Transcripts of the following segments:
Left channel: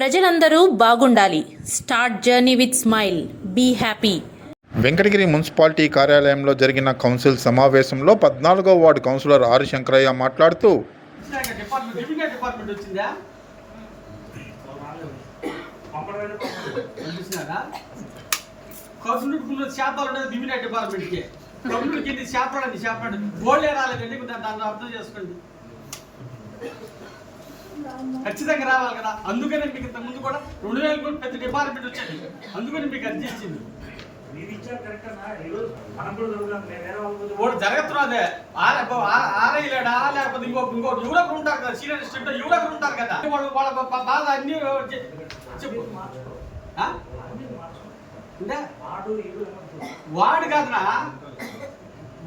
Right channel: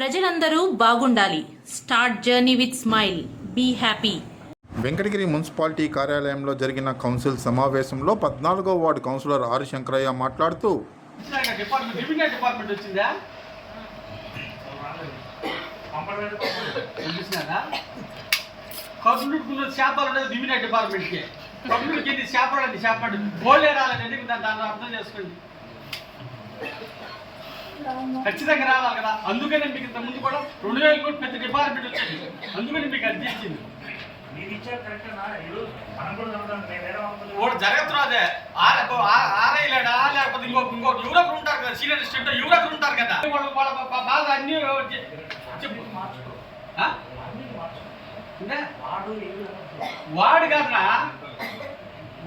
ప్రజలందరూ బాగుండాలి. Start journey with smile be happy Venkatagiri municipality కార్యాలయంలో జరిగిన కౌన్సిల్ సమావేశంలో పద్నాలుగో వార్డు కౌన్సిలర్ ఆర్ శంకరయ్య మాట్లాడుతూ వచ్చినాక డిపార్ట్మెంట్ రెవెన్యూ డిపార్ట్మెంట్ వచ్చిందా పంపించినారా కర్నూలుకున్న చేపలు అనేది రెవెన్యూ డిపార్ట్మెంట్కి కర్నూలుకి ఎన్ని చేపలు అండి చేపలు గోల్డే రాలేదండి దాన్ని దాన్ని అర్థం చేసుకోండి. ఖచ్చితంగా రావాలి కదా. అందుకనే మీకు ఇంత ముందు కూడా రెండు వేలు కోట్లు ప్రతి డిపార్ట్మెంట్ వచ్చేది. అందుకని మీకు అర్జీ ఇచ్చింది. జరుగుతున్నదే ఆరే ఆరే లేడా? లేకపోతే ఇంకో ఇంకో యువకులు ఉంటారు కదా సీనియర్ స్టూడెంట్ యువకులు ఉంటారు కదా. వాళ్ళు వాళ్ళ బాధ అన్ని చెప్పు? అంటే వాడు కాదునా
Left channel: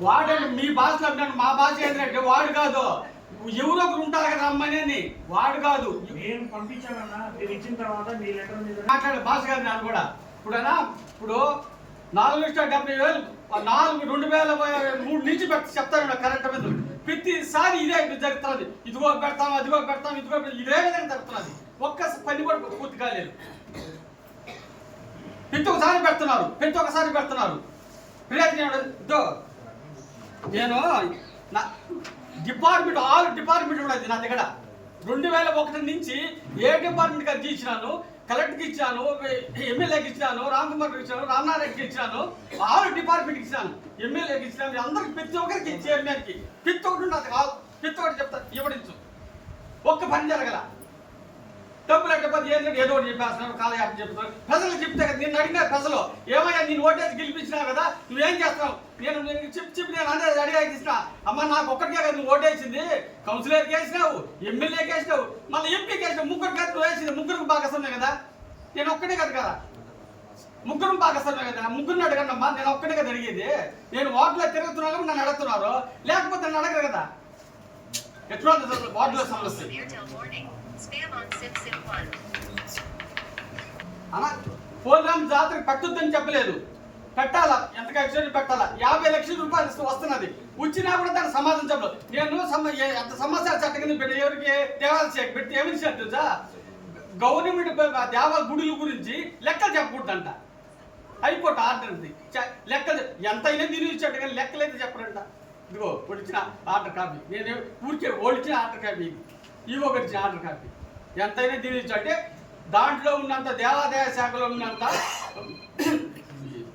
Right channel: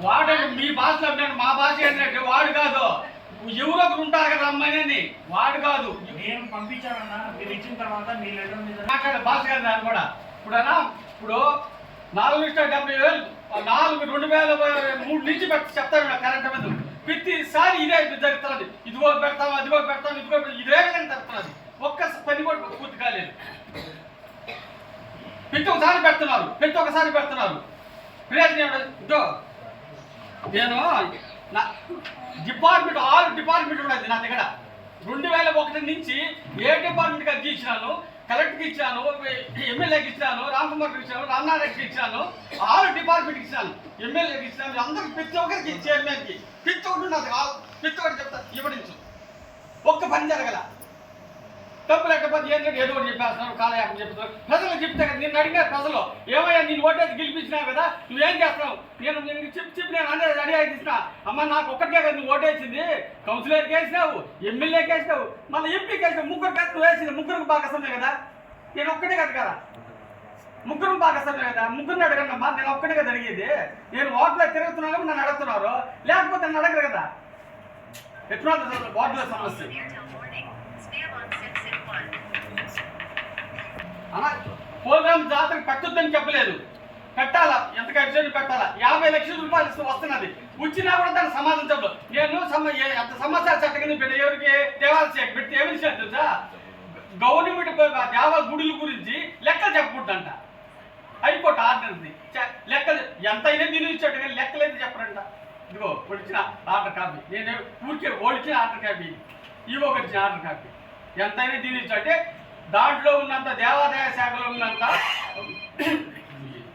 వాడు అంటే మీ భాషలో అంటాను మా భాష ఏంటంటే వాడు కాదు. యువకులు ఉంటారు కదా అమ్మాయిని వాడు కాదు. నేను పంపించానన్నా. మీరు ఇచ్చిన తర్వాత మీ లెటర్ మీద మాట్లాడే భాష కాదు నేను కూడా. ఇప్పుడు అన్నా ఇప్పుడు నాలుగు లక్షల డెబ్బై వేలు నాలుగు రెండు వేల మూడు నుంచి పెట్టి చెప్తాను కరెంట్ మీద. ప్రతిసారి ఇదే జరుగుతుంది. ఇదిగో పెడతాం అదిగో పెడతాం ఇదిగో ఇదే విధంగా జరుగుతున్నది. ఒక్క పని కూడా పూర్తి కాలేదు. ప్రతి ఒక్కసారి పెడుతున్నారు. ప్రతి ఒక్కసారి పెడుతున్నారు. ప్రయోజనం ఇదో నేను నా డిపార్ట్మెంట్ ఆల్ డిపార్ట్మెంట్ ఉన్నది నా దగ్గర. రెండు వేల ఒకటి నుంచి ఏ డిపార్ట్మెంట్కి అర్జీ ఇచ్చినాను? కలెక్టర్కి ఇచ్చాను ఎమ్మెల్యేకి ఇచ్చాను రామకుమార్కి ఇచ్చాను రామనారాయణకి ఇచ్చాను ఆరు డిపార్ట్మెంట్కి ఇచ్చాను ఎమ్మెల్యేకి ఇచ్చాను అందరికి ప్రతి ఒక్కరికి చైర్మన్కి ప్రతి ఒక్కటి నాకు ప్రతి ఒక్కటి చెప్తా ఇవ్వడించు ఒక్క పని జరగల. తప్పు లేకపోతే ఏదో ఏదో ఒకటి చెప్పేస్తున్నారు కాలయాపం చెప్తున్నాడు. ప్రజలు చెప్తే కదా నిన్ను అడిగిన ప్రజలు ఏమయ్యా నేను ఓటేసి గెలిపించినావు కదా నువ్వేం చేస్తావు నేను నేను చెప్పి చెప్పి నేను అనేది అడిగా ఇస్తా అమ్మ నాకు ఒక్కటికే కదా నువ్వు ఓటేసింది కౌన్సిలర్కి వేసినావు ఎమ్మెల్యేకి వేసినావు మళ్ళీ ఎంపీకి వేసినావు. ముగ్గురు కదా వేసింది. ముగ్గురికి భాగస్వామే కదా. నేను ఒక్కటే కదా కదా. ముగ్గురు భాగస్వామే కదా. ముగ్గురిని అడగనమ్మా నేను ఒక్కటే కదా అడిగేది. నేను ఓట్లో తిరుగుతున్నాను నన్ను అడుగుతున్నారు. లేకపోతే నన్ను అడగరు కదా. ఎట్లా వార్డులో సమస్య. Airtel warning. Spam on SimSim1. అలా పోలవరం పెట్టొద్దని చెప్పలేదు. పెట్టాలా? ఎంత ఖర్చు పెట్టాలా? యాభై లక్షల రూపాయలు ఇస్తూ వస్తున్నది. వచ్చినా కూడా దాన్ని సమాధానం నేను ఎంత ఏ- అంత సమాచార చట్టం కింద పెట్టి ఎవరికి దేవాలయ శాఖ పెట్టి ఏమి విషయాలు తెలుసా? గవర్నమెంట్ దేవ గుడుల గురించి లెక్కలు చెప్పకూడదంట. హైకోర్టు ఆర్డర్ది. ఉంది చ- లెక్కలు ఎంతైనా దీని ఇచ్చాడు కానీ లెక్కలైతే చెప్పరంట. ఇదిగో ఒడిచిన ఆర్డర్ కాపీ. నేను ఊరికే ఓడిచిన ఆర్డర్ కాపీ ఇవ్వ ఇచ్చిన ఆర్డర్ కాపీ. ఎంతైనా దీని అంటే దాంట్లో ఉన్నంత దేవాదాయ శాఖలో ఉన్నంత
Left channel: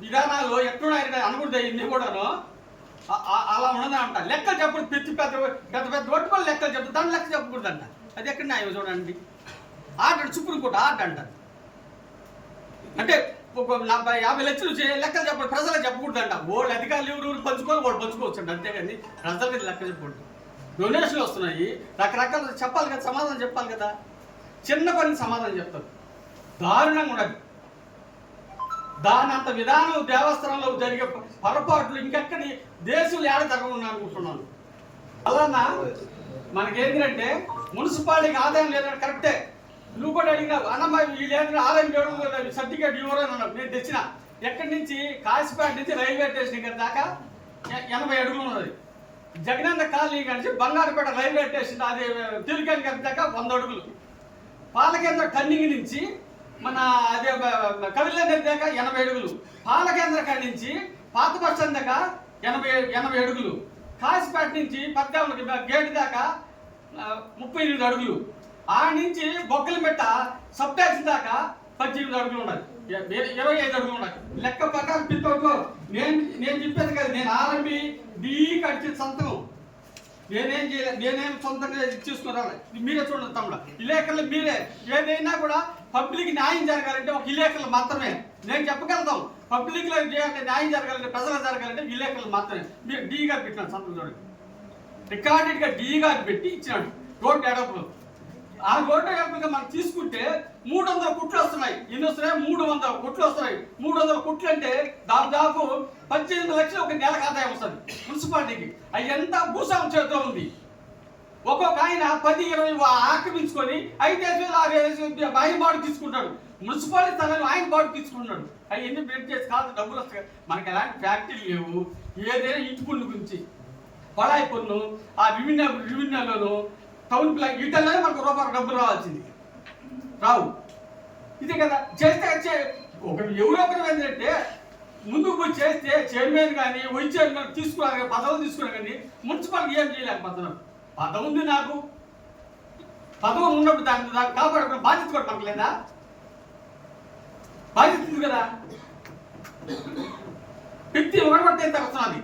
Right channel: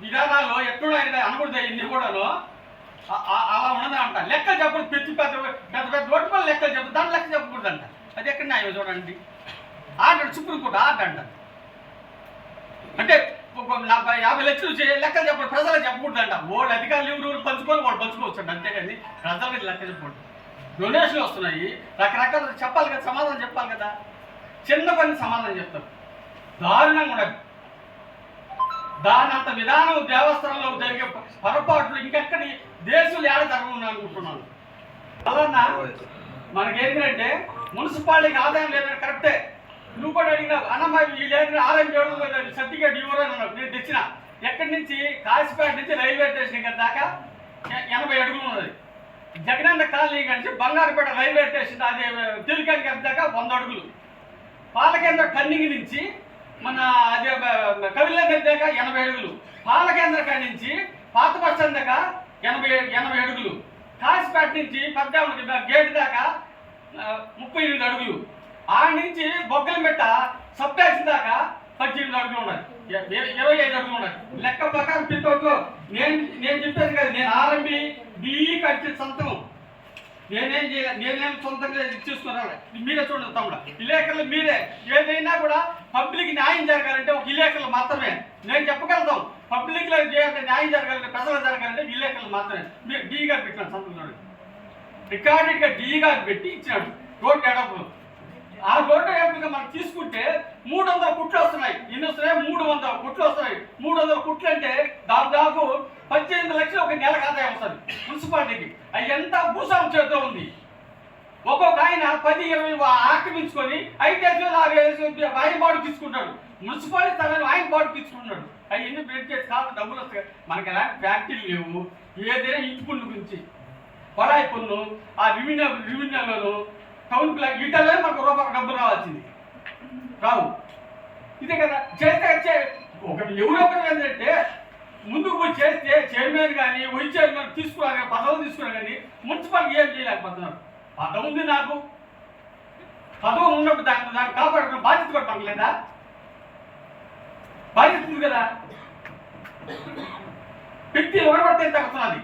విధానాలు ఎట్లున్నాయి అనకూడదు ఇన్ని కూడాను అలా ఉన్నదా అంట. లెక్కలు చెప్పడం పెద్ద పెద్ద పెద్ద పెద్ద ఒట్టుకొని లెక్కలు చెప్పదు దాని లెక్క చెప్పకూడదంట. అది ఎక్కడ న్యాయం చూడండి. ఆర్డర్ సుప్రీంకోర్టు ఆర్డర్ అంట. అంటే ఒక నలభై యాభై లక్షలు లెక్కలు చెప్పండి ప్రజలకు చెప్పకూడదంట. వాళ్ళు అధికారులు ఎవరు ఎవరు పంచుకొని వాళ్ళు పంచుకోవచ్చు అండి అంతేగాని ప్రజలకి లెక్క చెప్పకూడదు. డొనేషన్లు వస్తున్నాయి. రకరకాల చెప్పాలి కదా సమాధానం చెప్పాలి కదా. చిన్న పని సమాధానం చెప్తారు దారుణంగా ఉండదు దాని అంత విధానం దేవస్థానంలో జరిగే పొరపాట్లు ఇంకెక్కడ దేశంలో ఏడ జరగను అనుకుంటున్నాను. అలానా మనకేంటంటే మున్సిపాలిటీకి ఆదాయం లేదని కరెక్టే. నువ్వు కూడా అడిగినావు అన్నమ్మ వీళ్ళు ఆదాయం చేయడం సర్టిఫికేట్ ఇవ్వరు అని అన్నావు నేను తెచ్చిన. ఎక్కడి నుంచి? కాశీపేట నుంచి రైల్వే స్టేషన్ ఇక్కడ దాకా ఎనభై అడుగులు ఉన్నది. జగనన్న కాలనీ నుంచి బంగారుపేట రైల్వే స్టేషన్ అది తిరిగి దాకా వంద అడుగులు. పాలకేంద్ర కన్నింగ్ నుంచి మన అదే కవిల నది దాకా ఎనభై అడుగులు. పాలకేంద్ర కాడి నుంచి పాత బస్ స్టాండ్ దాకా ఎనభై ఎనభై అడుగులు. కాసిపేట నుంచి పద్నాలుగు గేట్ దాకా ముప్పై ఎనిమిది అడుగులు. ఆ నుంచి బొగ్గలమెట్ట సబ్ ట్యాక్సీ దాకా పద్దెనిమిది అడుగులు ఉన్నాయి. ఇరవై ఐదు అడుగులు ఉన్నాయి. లెక్క ప్రకారం పిట్టవుట్లో నేను నేను చెప్పేది కదా నేను ఆర్ఎంబి డిఈ కట్టి సంతకం. నేనేం చేయాలి నేనేం సొంతంగా ఇచ్చేసుకున్నాను మీరే చూడండి తమ్ముడు. విలేకరులు మీరే. ఏదైనా కూడా పబ్లిక్ న్యాయం జరగాలంటే ఒక విలేకరులు మాత్రమే. నేను చెప్పగలుగుతాం. పబ్లిక్లో చేయాలంటే న్యాయం జరగాలంటే ప్రజలు జరగాలంటే విలేకరులు మాత్రమే. మీరు డీగా పెట్టినాడు సంతకం చూడండి. రికార్డెడ్గా డీగా పెట్టి ఇచ్చినాడు. రోడ్డు ఎడపులు ఆ రోడ్డు ఎడపులుగా మనం తీసుకుంటే మూడు వందల కుట్లు వస్తున్నాయి. ఎన్ని వస్తున్నాయి మూడు వందల కుట్లు వస్తున్నాయి. మూడు వందల కుట్లు అంటే దాదాపు పద్దెనిమిది లక్షలు ఒక నెలకు ఆదాయం వస్తుంది మున్సిపాలిటీకి. అది ఎంత భూస్వామి చేతిలో ఉంది? ఒక్కొక్క ఆయన పది ఇరవై ఆక్రమించుకొని ఐదు వేలు ఆరు వేలు ఆయన బాడు తీసుకుంటాడు మున్సిపాలిటీ స్థలాలు ఆయన బాడు తీసుకుంటున్నాడు. అవి ఎన్ని బెడ్ చేసి కాదు డబ్బులు వస్తాయి. మనకి ఎలాంటి ఫ్యాక్టరీ లేవు. ఏదైనా ఇంటి పన్ను గురించి. కొళాయి పన్ను ఆ రెవెన్యూ రెవెన్యూలోను టౌన్ ప్లాన్ వీటనే మనకు రూపాయలు డబ్బులు రావాల్సింది. రావు. ఇదే కదా చేస్తే ఒక ఒక ఎవరొకరు ఏంటంటే ముందుకు పోయి చేస్తే చైర్మన్ కానీ వైస్ చైర్మన్ తీసుకున్నా పదవులు తీసుకున్నా కానీ మున్సిపాలిటీ ఏం చేయలేకపోతున్నారు. పదవి ఉంది నాకు. పదవులు ఉన్నప్పుడు దాన్ని దాన్ని కాపాడుకున్న బాధ్యత కూడా పడలేదా బాధ్యత ఉంది కదా? వ్యక్తి ఒకటి పడితే ఎంత వస్తున్నది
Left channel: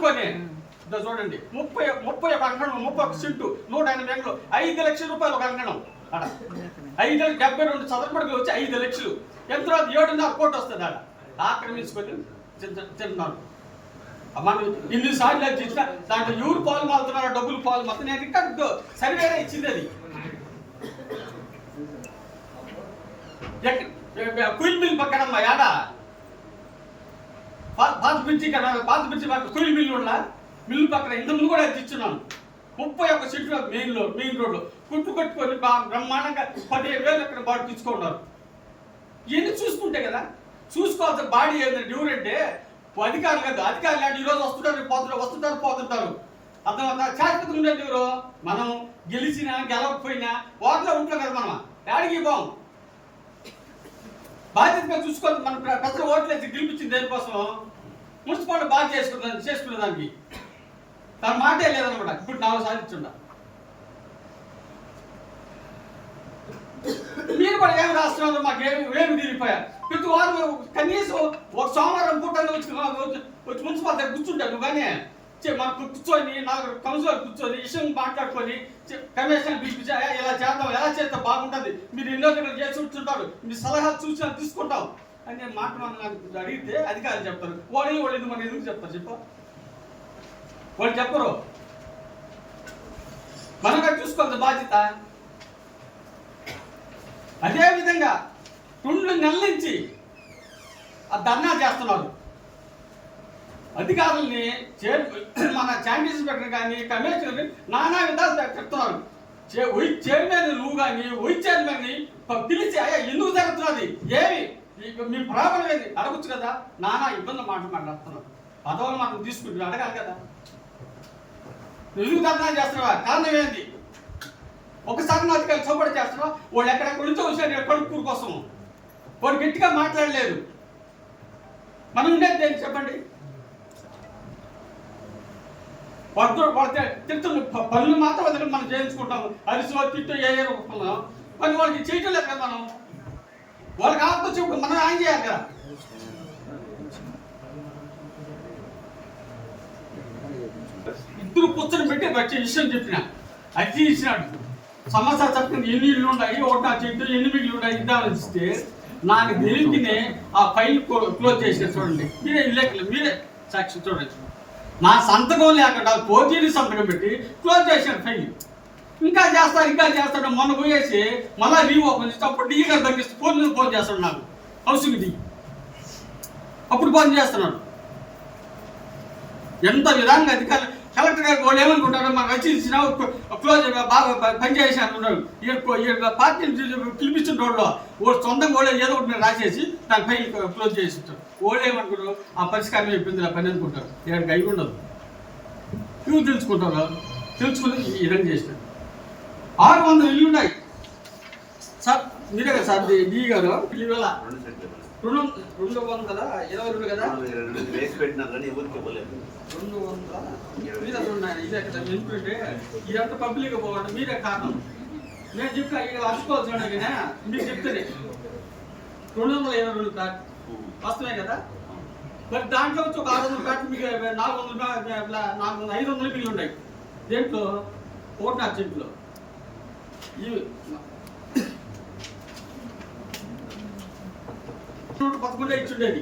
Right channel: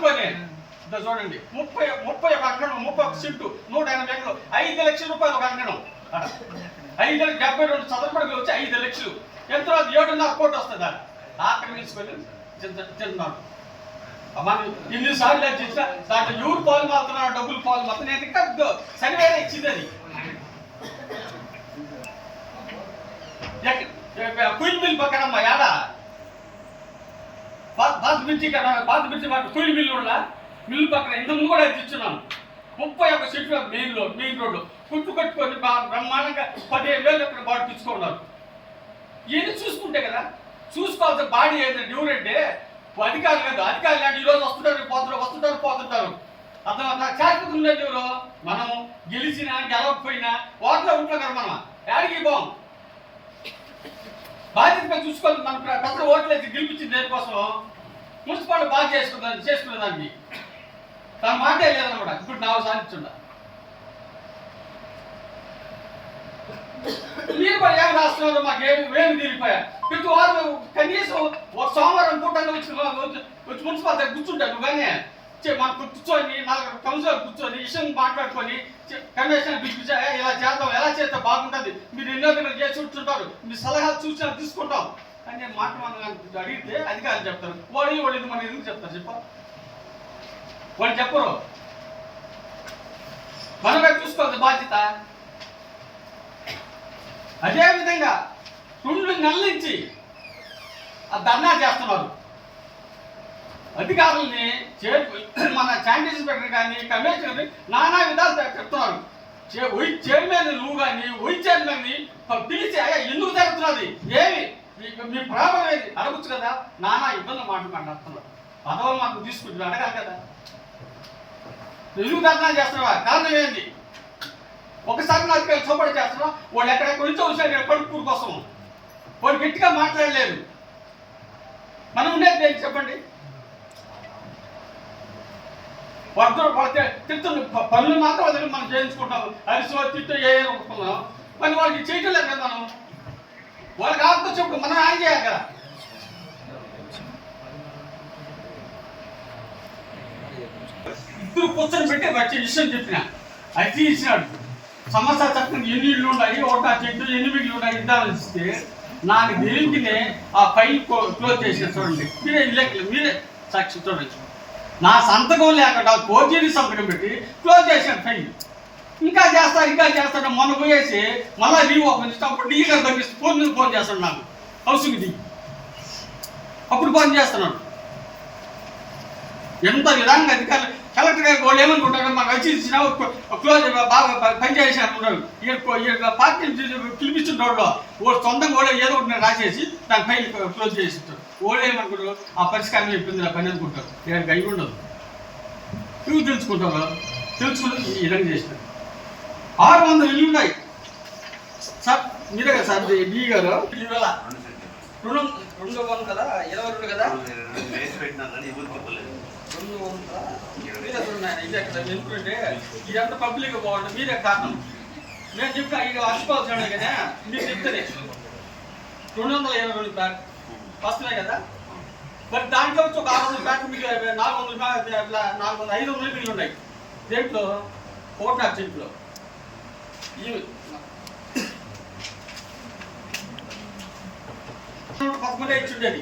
అనుకోని చూడండి. ముప్పై ముప్పై ఒక అంకణం ముప్పై ఒక సీటు నూట ఎనభై ఎకరాలు ఐదు లక్షల రూపాయలు ఒక అంకణం. అక్కడ ఐదు డెబ్బై రెండు చదరపడికి వచ్చి ఐదు లక్షలు. ఎంత? ఏడున్నర కోటి వస్తుంది అక్కడ ఆక్రమించుకొని తింట- తింటున్నాడు మనం ఎన్నిసార్లు అది చేసినా దాంట్లో ఎవరు పాలు మారుతున్నారు డబ్బులు పాలు నేను ఇంకా సర్వే ఇచ్చింది అది. కుయిల్ మిల్ పక్కన అమ్మా యాడ? పాత బ్రిడ్జి కదా పాత బ్రిడ్జి పక్కన తొలి మిల్లు కూడా మిల్లు పక్కన ఇంత ముందు కూడా తెచ్చున్నాను ముప్పై ఒక్క సీట్లు మెయిన్ రోడ్ మెయిన్ రోడ్డు. కుట్టు కట్టుకొని బా- బ్రహ్మాండంగా పదిహేను వేలు అక్కడ బాడీ తీసుకున్నారు ఇవన్నీ చూసుకుంటే కదా చూసుకోవాల్సిన బాడీ ఏంటంటే డ్యూర్ అధికారులు కాదు అధికారులు అంటే ఈరోజు వస్తుంటారు పోతుంటారు వస్తుంటారు పోతుంటారు. అర్థమవుతా శాశ్వతం ఉండేది ఎవరు. మనం గెలిచినా గెలవకపోయినా వాటిలో ఉంటాం కదా మనం. యాడికి బాం బాధ్యతగా చూసుకోవాలి. మన ప్ర- ప్రజలు ఓట్లేసి గెలిపించింది దేనికోసం? మున్సిపాలిటీ బాగా చేసుకున్న చేసుకునే దానికి తన మాటే లేదనమాట. ఇప్పుడు నాలుగు సాధించుండ మీరు కూడా ఏం రాస్తున్నారు? మాకు ఏమి ఏమి తీరిపోయా? ప్రతి వారం కనీసం ఒక సోమవారం పూట వచ్చి వచ్చి మున్సిపాలిటీ దగ్గర కూర్చుంటారు. కానీ మనం కూర్చొని నాలుగు కౌన్సిలర్ కూర్చొని విషయం మాట్లాడుకొని కమిషన్ పిలిపించి ఇలా చేద్దాం ఎలా చేస్తే బాగుంటుంది మీరు ఎన్నో దగ్గర చేసి ఉంటుంటారు మీ సలహాలు సూచనలు తీసుకుంటాం అని నేను మాట అడిగితే అధికారులు చెప్తారు వాళ్ళు వాళ్ళు మనం ఎందుకు చెప్తారు చెప్పు వాళ్ళు చెప్పరు మనమే చూసుకోవాలి బాధ్యత అదేవిధంగా రెండు నెలల నుంచి ఆ ధర్నా చేస్తున్నారు అధికారుల్ని చేరు మన చాండీస్ ఇన్స్పెక్టర్ కానీ కమిషనర్ నానా విధాలు చెప్తున్నారు. చే- వైస్ చైర్మన్ నువ్వు కానీ వైస్ చైర్మన్ని పిలిచి అయ్యా ఎందుకు జరుగుతున్నది? ఏమి? మీ ప్రాబ్లం ఏది? అడగచ్చు కదా. నానా ఇబ్బంది మాట్లాడుతున్నారు. పదవులు మనం తీసుకుంటున్నాం అడగాలి కదా. ఎందుకు దర్శనం చేస్తున్నావా? కారణం ఏంది? ఒకసారి నా అధికారులు చోపడి చేస్తున్నావు? వాళ్ళు ఎక్కడెక్కడ నుంచో వచ్చారు. కడుపు కోసం వాళ్ళు గట్టిగా మాట్లాడలేదు. మనం ఉండేది చెప్పండి? వాళ్ళతో వాళ్ళకి తిడుతున్న పనులు మాత్రం వదిలి మనం చేయించుకుంటాం అరిసి తిట్టు ఏ ఏ రూపంలో వాళ్ళకి చేయటం లేదు కదా మనం. వాళ్ళకి ఆత్మ చెప్పు మనం ఆయన చేయాలి కదా? ఇద్దరు కూర్చొని పెట్టి వచ్చే విషయం చెప్పిన. అది ఇచ్చినాడు. సమస్య చక్కని ఎన్ని ఇళ్ళు ఉన్నాయి? ఒకటి ఆ ఎన్ని బిడ్లు ఉన్నాయి? ఇద్దామని ఇస్తే నాకు తెలియకనే ఆ ఫైల్ క్లోజ్ చేసే చూడండి. మీరే ఇల్లెక్కలు మీరే సాక్షి చూడొచ్చు నా సంతకం లేకుండా కోర్టుని సంతకం పెట్టి క్లోజ్ చేశాడు ఫైల్ ఇంకా చేస్తాడు ఇంకా చేస్తాడు మొన్న పోయేసి మళ్ళీ రీ ఓపెన్ చేస్తే అప్పుడు డీ గారు పంపిస్తే ఫోన్ మీద ఫోన్ చేస్తాడు నాకు. హౌసింగ్ డీ అప్పుడు ఫోన్ చేస్తున్నాడు. ఎంత విధంగా అధికారులు కలెక్టర్ గారు వాళ్ళు ఏమనుకుంటారు మాకు వచ్చి ఇచ్చిన క్లోజ్ బాగా పనిచేసి పని చేసి అనుకుంటారు. ఇక్కడ పార్టీ పిలిపించిన రోడ్లో ఓ సొంతంగా కూడా ఏదో ఒకటి రాసేసి దాని ఫైల్ క్లోజ్ చేసి ఇస్తారు. వాళ్ళు ఏమనుకుంటారు? ఆ పరిష్కారం అయిపోయింది ఆ పని అనుకుంటారు. ఇక్కడికి అయి ఉండదు. ఇవి తెలుసుకుంటారు తెలుసుకుని ఈ విధంగా చేసినారు. ఆరు వందల ఇల్లు ఉన్నాయి. సార్ మీరే కదా సార్ డి గారు? ఇల్లు వేల రెండు రెండు వందల? ఇరవై రెండు కదా? రెండు వందల? మీరే చూడండి ఇదే కదా ఎందుకంటే ఇదంతా పబ్లిక్ పోవడం మీరే కారణం. నేను చెప్తా ఇక అసుకోవాల్సిన కదా? మీరు చెప్తేనే. రెండు వందల ఇరవై రెండు ప్యాక్. వస్తున్నాయి కదా? మరి దాంట్లో వచ్చి ఒక ఆరు వందల ప్యాక్ మిగిలి నాలుగు వందల ప్యాక్ నాలుగు వందల ఐదు వందలు మిగిలి ఉన్నాయి. దేంట్లో? కోటార్ అర్జెంట్లో. ఈ పదకొండే ఇచ్చిండేది.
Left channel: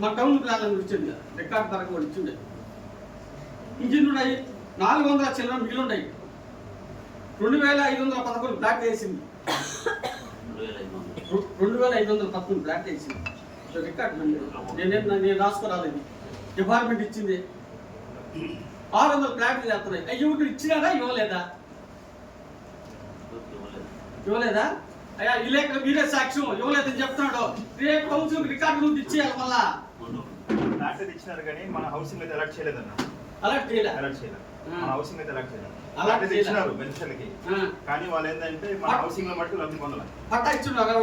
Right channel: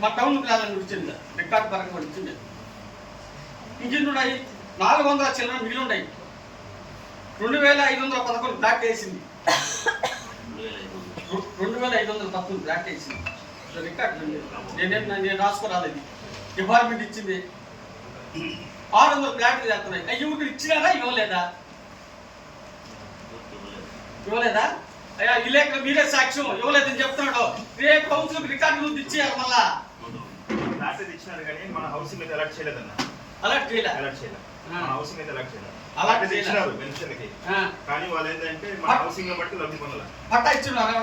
మా టౌన్ ప్లాన్ ఇచ్చింది రికార్డ్ పరంగా ఇచ్చిండేది ఇంజిన్ ఉన్నాయి. నాలుగు వందల చిల్లర మిగిలి ఉన్నాయి. రెండు వేల ఐదు వందల పదకొండు బ్లాక్ వేసింది. రెండు వేల ఐదు వందల పదకొండు బ్లాక్ వేసింది రికార్డ్. నేనేం నేను రాసుకోరాలేదు. డిపార్ట్మెంట్ ఇచ్చింది. ఆరు వందల ప్లాట్లు చేస్తున్నాయి. అయ్యి ఇప్పుడు ఇచ్చినారా ఇవ్వలేదా? ఇవ్వలేదా? అయ్యా విలేకరు మీరే సాక్ష్యం. ఇవ్వలేదని చెప్తున్నాడు రేపు కౌన్సిల్ రికార్డు ముందు ఇచ్చేయాలి మళ్ళా? ఇచ్చినారు కానీ మన హౌసింగ్ అయితే ఎలక్ట్ చేయలేదన్న. అలర్ట్ చేయలే? అలర్ట్ చేయలేదు. మన హౌసింగ్ అయితే అలర్ట్ చేయలేదు ఇచ్చినారు పెన్షన్కి. కానీ వాళ్ళు ఏంటంటే మన పట్- హౌసింగ్లో బట్టి లబ్ధి పొందాలి. పట్టా ఇచ్చున్నారు.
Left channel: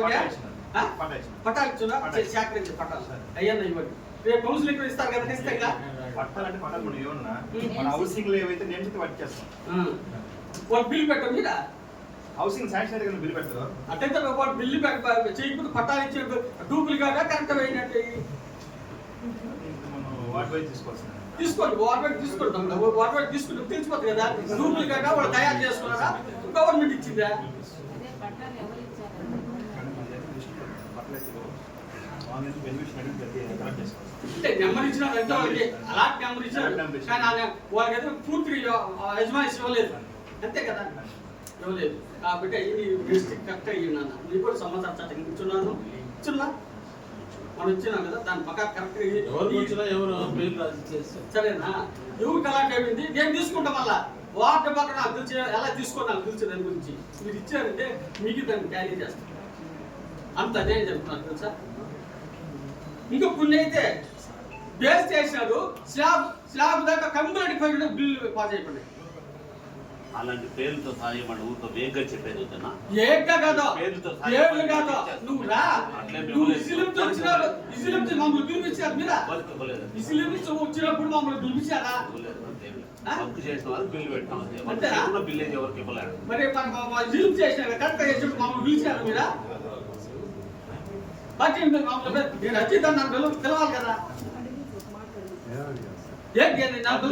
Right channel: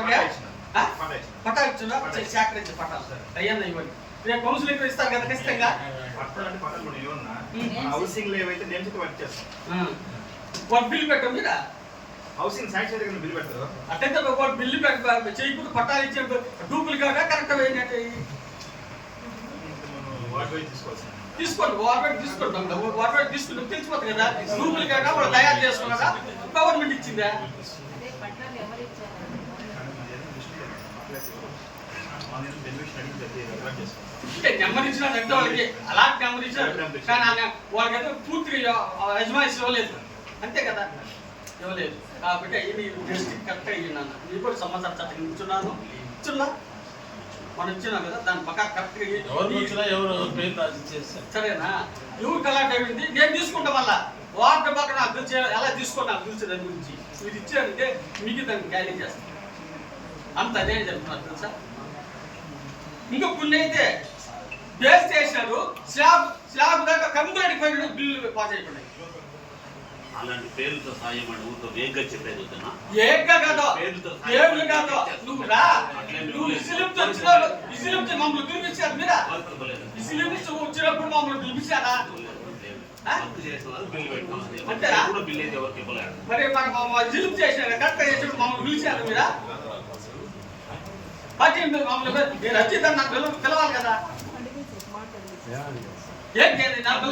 సేకరించి పట్టాలు అయ్యిందా ఇవ్వండి. రేపు కౌన్సిలింగ్ ఇస్తారు కదా ఖచ్చితంగా? పట్టాలు అంటే పట్టాలు కూడా ఇవ్వన్నా. ఉమ్. మన హౌసింగ్లో ఏవైతే నేమ్స్ వర్క్ చేస్తాం. ఆ. వాళ్ళు బిల్లు పెట్టం మీరా హౌసింగ్ శాంక్షన్ దగ్గర బిల్ పెడతారు అట్టయితే వాళ్ళు బిల్లు పెట్ట చేయకుండా పట్టాలు ఇచ్చే డూపులు కాక కరెక్ట్ అయినట్టు వాటి తీసుకోవాల్సింది. తీసుకోండి. వాటర్ తీసుకుంటాం వాటర్ తీసుకుంటాం తెలిసిపోతుంది కదా. డూపులు కాక వాళ్ళు తయారు చేసుకున్నారా గవర్నమెంట్ ఇచ్చిందా? నెంబర్ వాళ్ళకి. అలాంటి నెంబర్ కానీ వాళ్ళకైతే ఇవ్వలేదు. అంతే కదా. ఇవ్వలేదు. కాబట్టి ఇది డిస్ట్రిక్ట్ కరెక్ట్ అయ్యిందన్న నీ కూడా సమాచార చట్టం ఇచ్చున్నాను ఇచ్చున్నా మనం ఇచ్చినాం కదా దాని పక్క కరెక్ట్ సరేనా? ఎవరు కలాట్ అయింది? నేను తీసుకుంటా మళ్ళా. వాటర్ పక్కన నాకు తెలిసి ఎలా తీసుకోండి నాకు తెలిసి దాని గురించి. మీరు ఇచ్చారంటే మీకు దాన్ని క్యారీ చేస్తాను అంత అదే చెప్తున్నారు తెలుసా? ఇంకా కొన్ని అయితే బేస్ చేసినారు. స్లాబ్ స్లాబ్ దాకా కంప్లీట్ పోయిన బిల్లు పాస్ అయిపోయినాయి. అలాంటి పేర్లతో సాయం అని ఊరితో వేగ్గా చెప్పేది వద్దునా ఏక కాదు. పేర్లతో పేర్లు కాదు. నువ్వు రా. నువ్వు ఇసిలిప్తో వచ్చినావు ఇసిలిప్తో మమ్మల్ని పిలిపించారు మీరా. ఇసిలిప్తో వచ్చినప్పుడు మమ్మల్ని పిలిపించారా మరి మన జిలుపు చేసినారు కరెక్ట్ చేసినప్పుడు మమ్మల్ని పిలిచారు మీరా? పార్టీ మమ్మల్ని నేను వచ్చి దాన్ని నాకు పిలవ- పిలవాలి కదా నాకు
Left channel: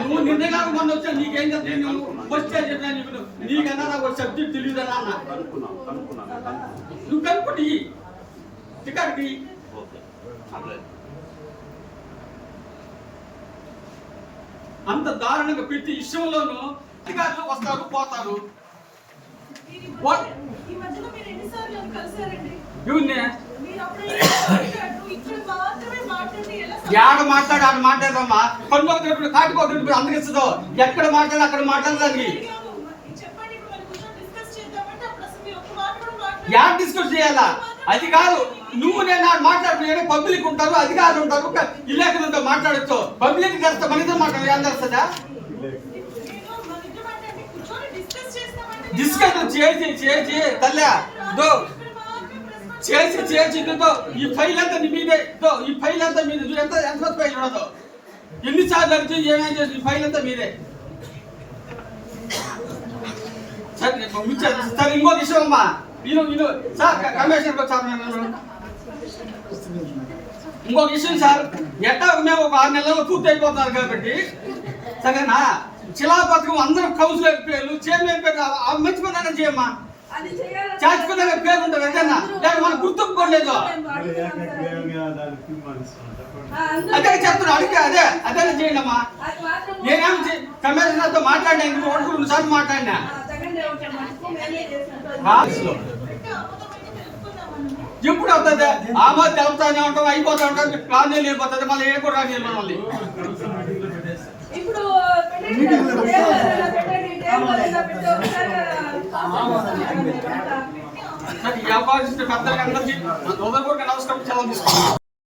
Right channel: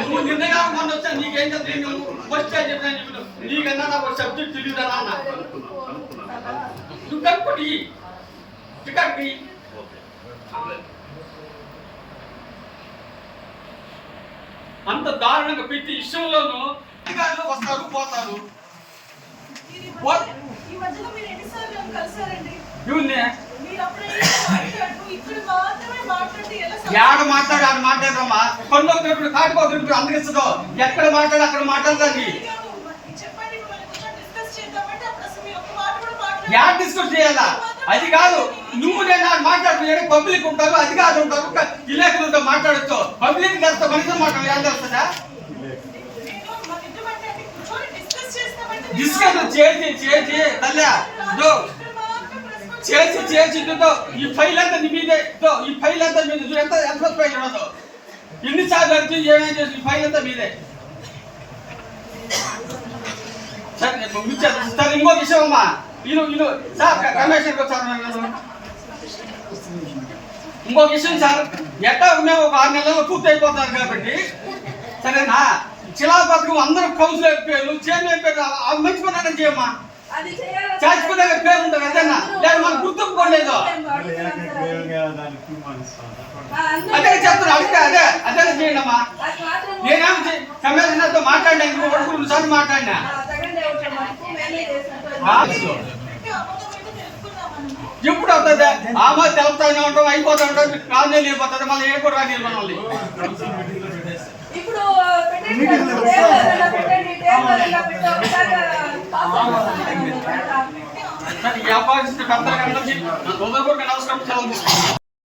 నువ్వు నిన్నగా మొన్న వచ్చా నీకేం నేను ఫస్ట్ చెప్పినా చెప్పిన నీకన్నా నాకు ఒక సబ్జెక్ట్ తెలియదా అన్న. నువ్వు కనుక్కోటి. అంత దారుణంగా పెట్టి ఇష్టంలోనూ టికెట్లు వస్తారు పోతారు. ఈ మధ్యలో మీరు ఎన్నిసార్లు కలిసారండి? మాట్లాడి యాడ మాట్లాడు ఆడ మాట్లాడమ్మా కొండొకటి కాటుకోకటి అందరిస్తుందో ఎక్కడ మాట్లాడు అక్కడ మాట్లాడదండి ఇప్పుడు. యాడ్ డిస్కస్ చేయాలా? అది కాదు నువ్వు నేను మాట్లాడుతున్నాడు పబ్లిక్ ఉంటారు అధికారులు ఉంటారు విలేకరులు ఉంటారు మాట్లాడచ్చు. పబ్లిక్ కలిస్తే మనిషి మాట్లాడాలి ఏం తెలుస్తుందా? డిస్కస్ చేసి చేసి తల్లి. చేసి చేసి ఈ ఫైల్ అంతా నీ మీదే ఈ ఫైల్ అంతా మీద చూడు ఎంత ఎంత ఫైల్ ఉండదు ఎన్నిసార్లు అడుగుతూ ఏమేం చేసి ఈ ఫైల్ అంతా మీదే. సరే నేను పంపించాను. సార్ ఇంకో విషయం అమ్మా. ఈయన ఈయన సార్ క- కమిషనర్కి వచ్చారు ఇంకో విషయం సార్ ఎట్టా మేము ఒక ఆరు నెలల్లో పూర్తి అయిపోతారు కాబట్టి. సరేనా? శిలా పథకం అందరూ కౌన్సిలర్ పేర్లు చైర్మన్ పేర్లు అవి మర్చిపోయినా చేయమ్మా. చాచుకునే పేరు ఉంటుంది అదేనా లేదు మనం గుర్తుకోలేదు ఆ, అదే చెప్తున్నా అడిగితే అదే అదే చేయండి అమ్మా నేనేం కమిషనర్తో మాట్లాడినా ఇంకో ఒకటి రెండు సార్లు మాట్లాడినా. ఆ. ఆ? ఎప్పుడు అవుతుంది? ఆమో తెలుపుతానే ఉంటాం అయిపోతా ఉంటాం కాదు వెళ్ళిపోతుంది మళ్ళీ ఏ కూడా రాని మనల్ని. నమస్కారం సెలవు తీసుకుంటాను